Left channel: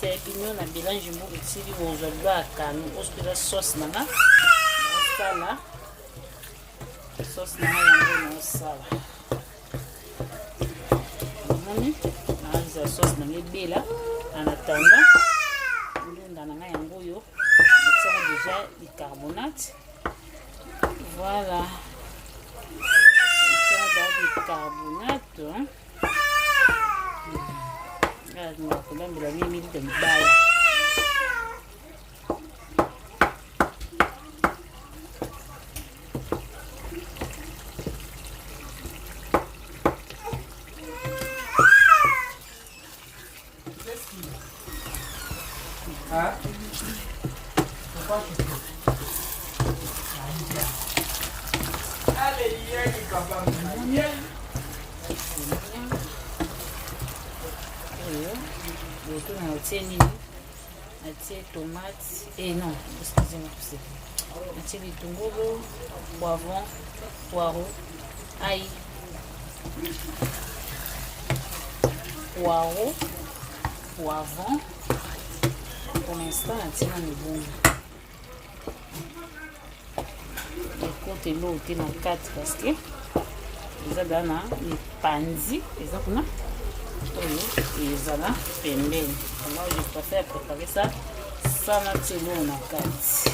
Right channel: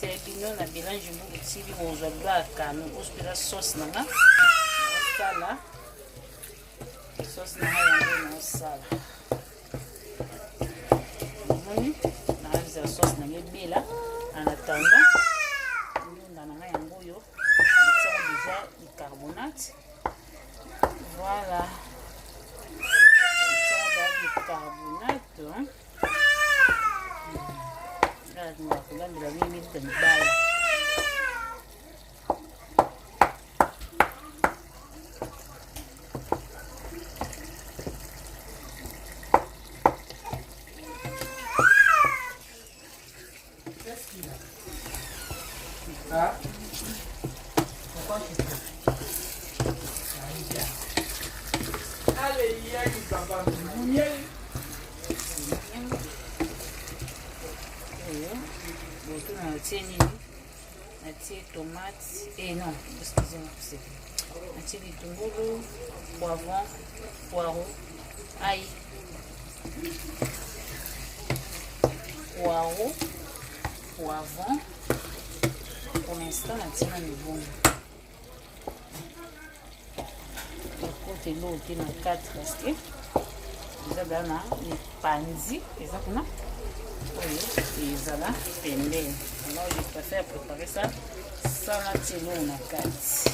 c'est pignon na mélange mo tsili bo zalba kanu hospital sauce nanga sala sauce nanga yango na sala moni na za sauce na ngebela en attendant ndunda nanga yango yo ça déjà bicarbonate voilà ça va bicarbonate on va prendre la minute de bail. Tomates et non, excusez-moi, un petit bitungolo, poivron, poireau, ail, poireau, poivron. Pour l'instant, on tient le bon. Et l'eau est dans 4 parce que ils ont bien les panzi, ils ont bien. Et voilà, alors je préfère préparer ça sans la télé, on a 4.